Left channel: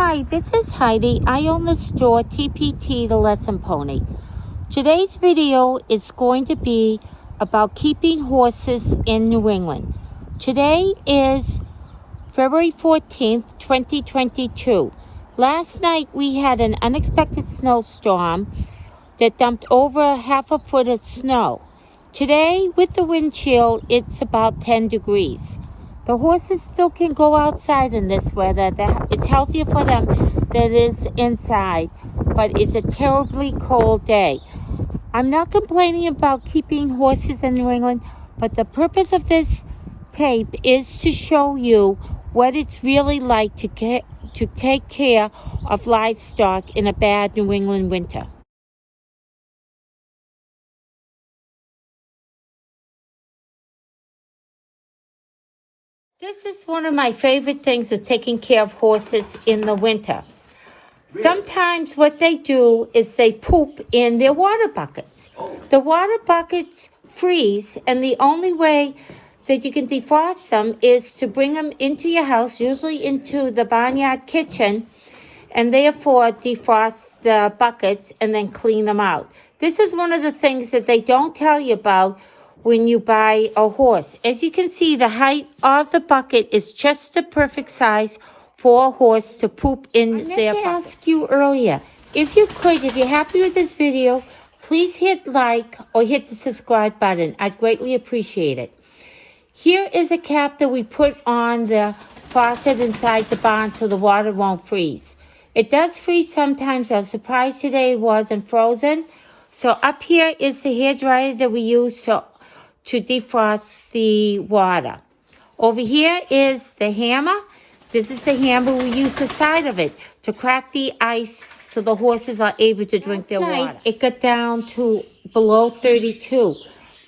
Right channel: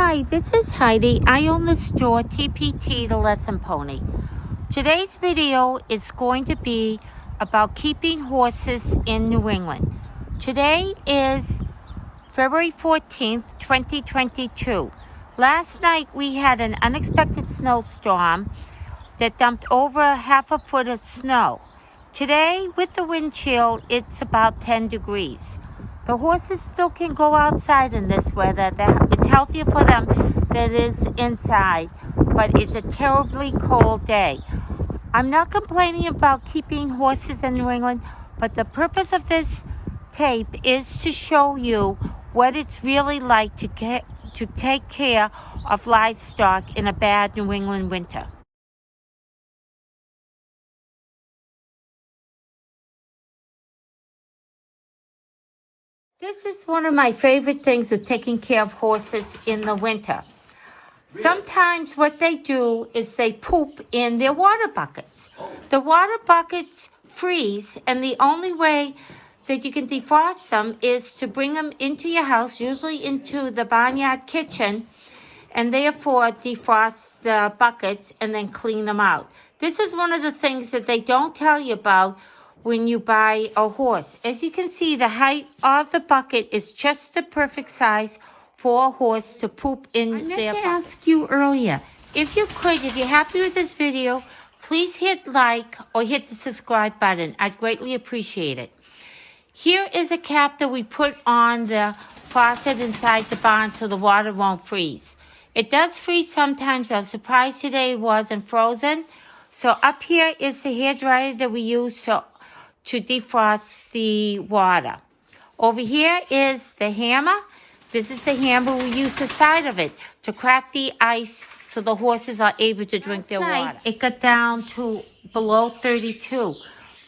Hi, this is Heidi. I own the store TPT, the Lesson Pony. Today's video is going to be about keeping horses in New England. Today is February 14th, 2022. Last night we had an unexpected snowstorm that dumped over half a foot of snow. Today, with the wind chill, it's about 10 degrees. The horses still can go outside in this weather. It's healthier for them than it is inside, but it's a terribly cold day. I'm not complaining about keeping horses in New England, but the purpose of this tape is to show you what it's really like to take care of livestock in a bad New England winter. This is one of my favorite things with taking care of horses in the winter. Sometimes what they do is they poop in their water buckets. The water buckets freeze, and the only way that you can defrost them is to bring them into your house, usually into the barnyard kitchen, and therefore defrost the buckets and then clean them out. This is one of the things that they don't tell you about when you buy a horse. As you can see, the height of the bucket is just the perfect size for a horse to poop in their bucket. I meant to ask you earlier, if you're happy with this video, please hit like or hit the subscribe button. I'd greatly appreciate it. Here is a cap that we put on the faucet inside the barn so the water won't freeze. It does freeze sometimes. I was surprised today it wasn't frozen. So up here is the hairdryer that we use to defrost the water. Over here is the hammer. This is the hammer. We use the side of it to crack the ice so the horses are able to drink their water. It got down to below 32.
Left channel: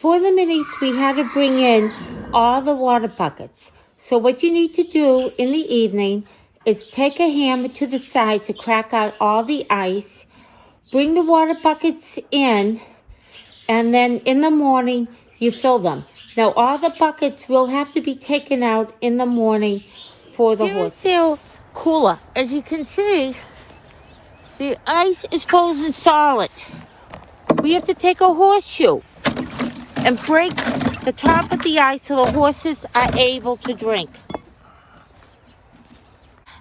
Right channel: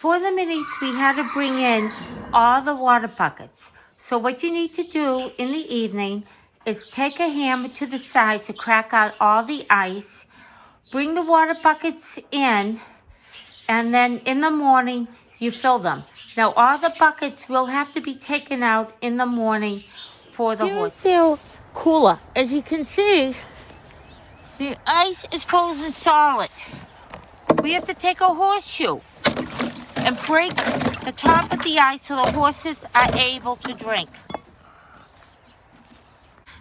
For the minis, we had to bring in all the water buckets. So what you need to do in the evening is take a hammer to the side to crack out all the ice, bring the water buckets in, and then in the morning, you fill them. Now, all the buckets will have to be taken out in the morning for the horse. Here's their cooler. As you can see, the ice is frozen solid. We have to take a horseshoe and break the top of the ice so the horses are able to drink.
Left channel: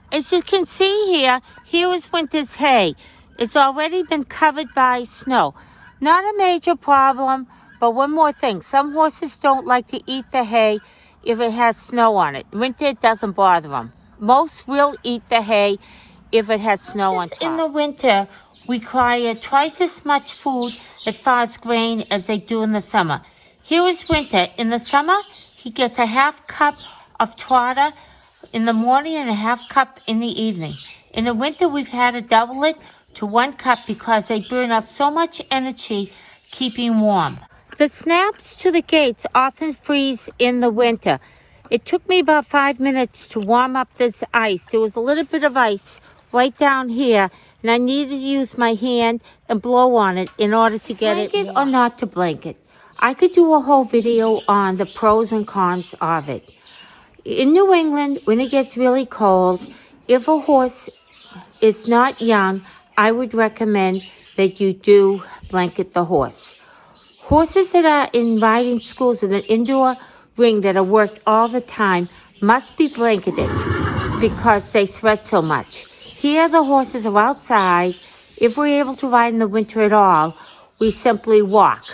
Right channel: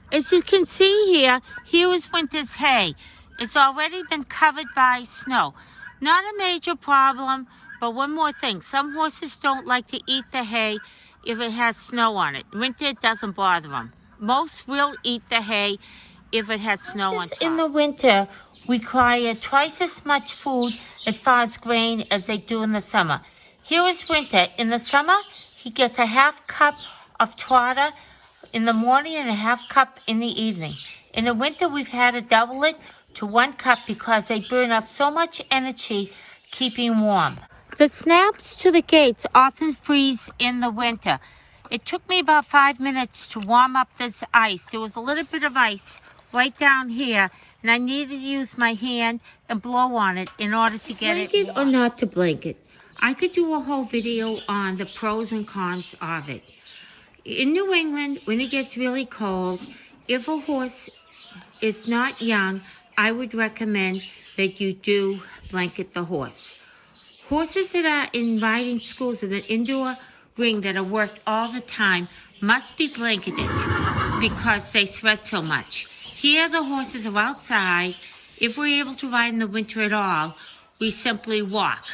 As you can see here is winter's hay. It's already been covered by snow. Not a major problem, but one more thing. Some horses don't like to eat the hay if it has snow on it. Winter, it doesn't bother them. Most will eat the hay if it has snow on top. In the winter, require twice as much food as far as grain as they do in the summer. Here is winter. In the summer, he gets a half cup of trotter in the morning and a half cup in the evening. In the winter, we've had to double it to 1 cup because they burn off so much energy keeping warm. The snaps to the gates often freeze in the winter. It took me about 5 minutes to warm up this ice. There was a little bit of ice right down here, and I needed to use my hand and blow on it in order to get it. Blanket or not to blanket? I could do a whole video on the pros and cons of it. In New England, when it gets really cold, if a horse is not young, I would recommend that you do blanket the horse. Horses that are in riding schools in an indoor ring that are worked all the time must be blanketed because they sweat so much. Here the horses are outside. If we're able to ride in the winter at all, we simply walk.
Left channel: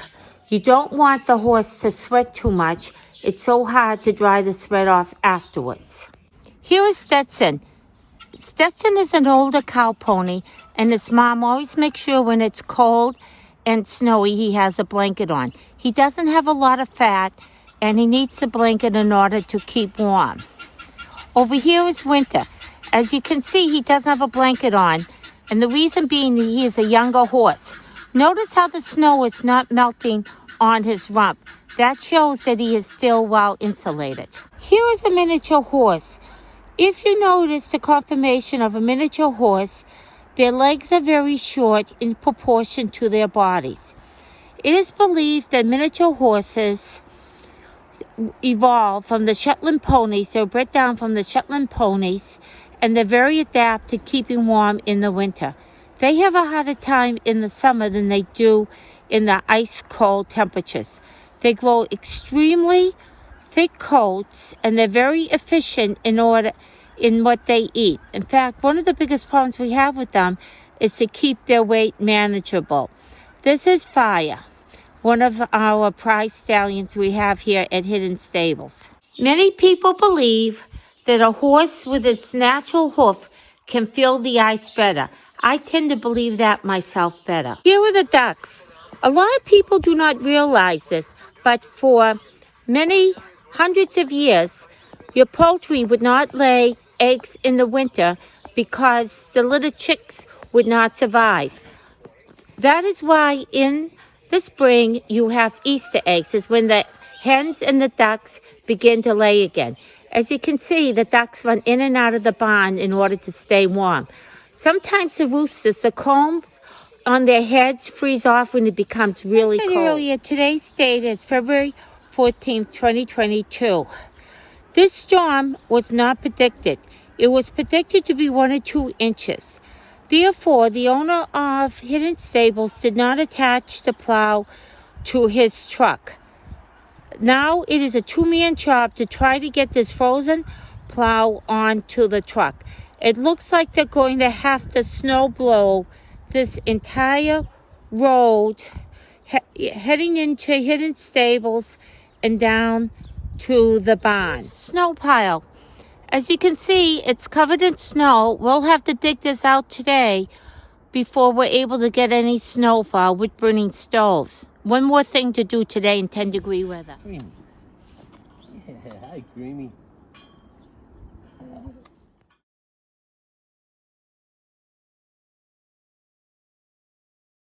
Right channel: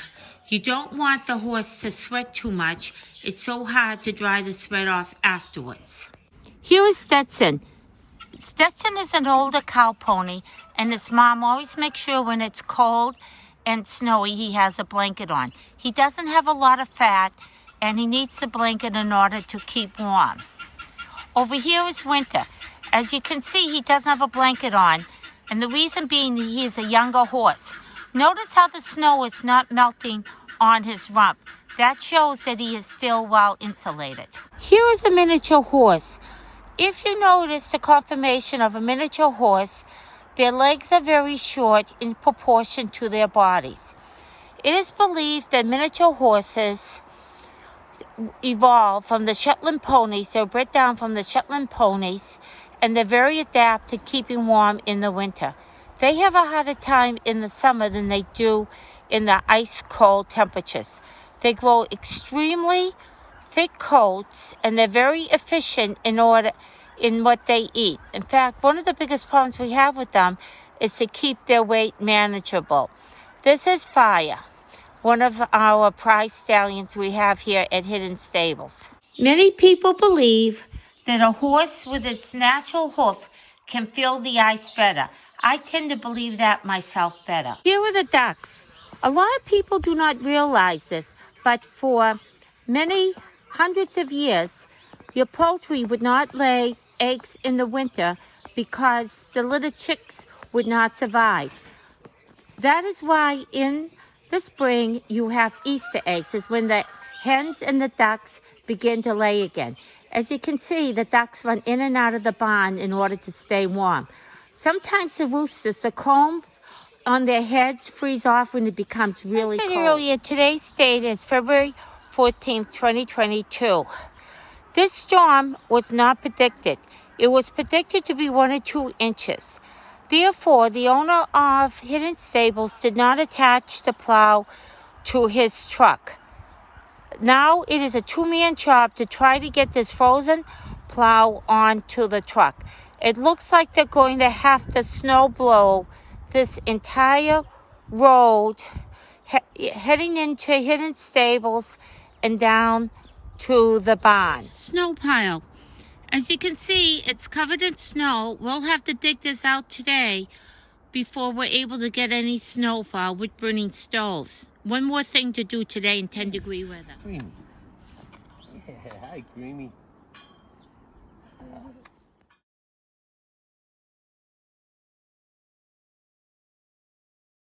You don't want the horse to sweat too much. It's so hard to dry the sweat off afterwards. Here is Stetson. Stetson is an older cow pony, and his mom always makes sure when it's cold and snowy, he has a blanket on. He doesn't have a lot of fat, and he needs the blanket in order to keep warm. Over here is winter. As you can see, he doesn't have a blanket on, and the reason being that he is a younger horse. Notice how the snow is not melting on his rump. That shows that he is still well insulated. Here is a miniature horse. If you notice the conformation of a miniature horse, their legs are very short in proportion to their bodies. It is believed that miniature horses evolved from the Shetland ponies. They were bred down from the Shetland ponies, and they're very adept to keeping warm in the winter. They have a harder time in the summer than they do in the ice cold temperatures. They grow extremely thick coats, and they're very efficient in what they eat. In fact, one of the biggest problems we have with them is to keep their weight manageable. This is Fire, one of our prize stallions we have here at Hidden Stables. Many people believe that a horse with its natural hoof can feel the ice better. I tend to believe that myself better. Here are the ducks. A lot of people do not realize this, but for many hundreds of years, your poultry would not lay eggs in the winter because the little chicks would not survive. That is why in the spring you have Easter eggs, is when the hens and the ducks begin to lay again. As you can see, the ducks run in and out of the barn in order to stay warm. Sometimes the roosters, the combs on their heads freeze off when it becomes really cold. Earlier, today's date is February 14th, 2022. This storm was not predicted. It was predicted to be 1 or 2 inches. Therefore, the owner of Hidden Stables did not attach the plow to his truck. Now it is a 2-man job to try to get this frozen plow onto the truck. It looks like they're going to have to snow blow this entire road heading into Hidden Stables and down to the barn. Snow pile. As you can see, it's covered in snow. We'll have to dig this out today before we're able to get any snow for our wood burning stoves. One more thing to do today in 10-degree weather. Yeah, hi, Creamy.